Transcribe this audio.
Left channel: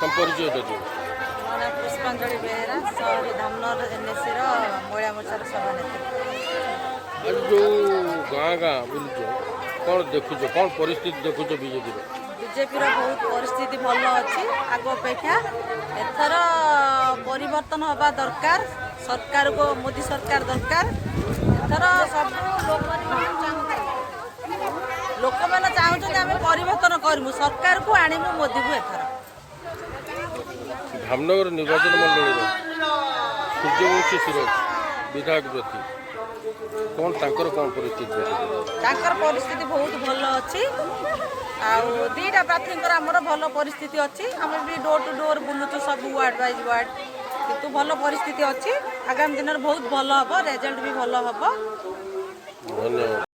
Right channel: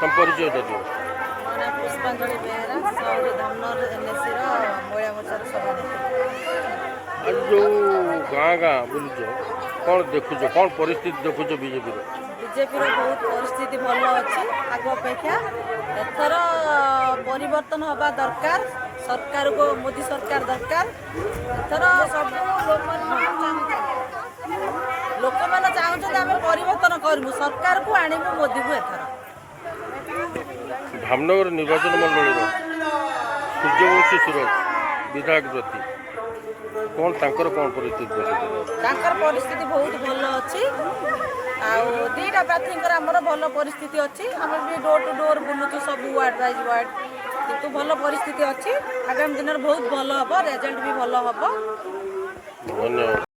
तुम परिचय दे पुष्पांजलि बेहरा सहरी धामनर एनएससी महिला मोर्चार सभानेत्री। आज जो गाँ गाँ बुलुच कौन देखुच कौन परिस्थिति देखुच बीजेपी बीजेपी बहुत परिस्थिति भल अच्छी आग अपेक्षा एथर परिवर्तन हवा दरकार सरकार को मोदी सरकार दरकार एथर सब लोक मैंने चाहते आम परिवर्तन करूँ सरकार को आणमु मोदी को एथर धामनगर निर्वाचन मंडल सूर्यवंशी सूरज विधायक प्रति कौन तांकर कौन परिस्थिति तांकर परिस्थिति बहुत भल अच्छी आउ दीटा प्रार्थी आमर भल परिस्थिति अच्छी आम भी डोर टू डोर बुलुचु सब वार्ड वाइज वार्ड किंतु भल परिस्थिति अच्छी आगामी दिन में बहुत भल हम रेजल्ट भी भल हम। धन्यवाद।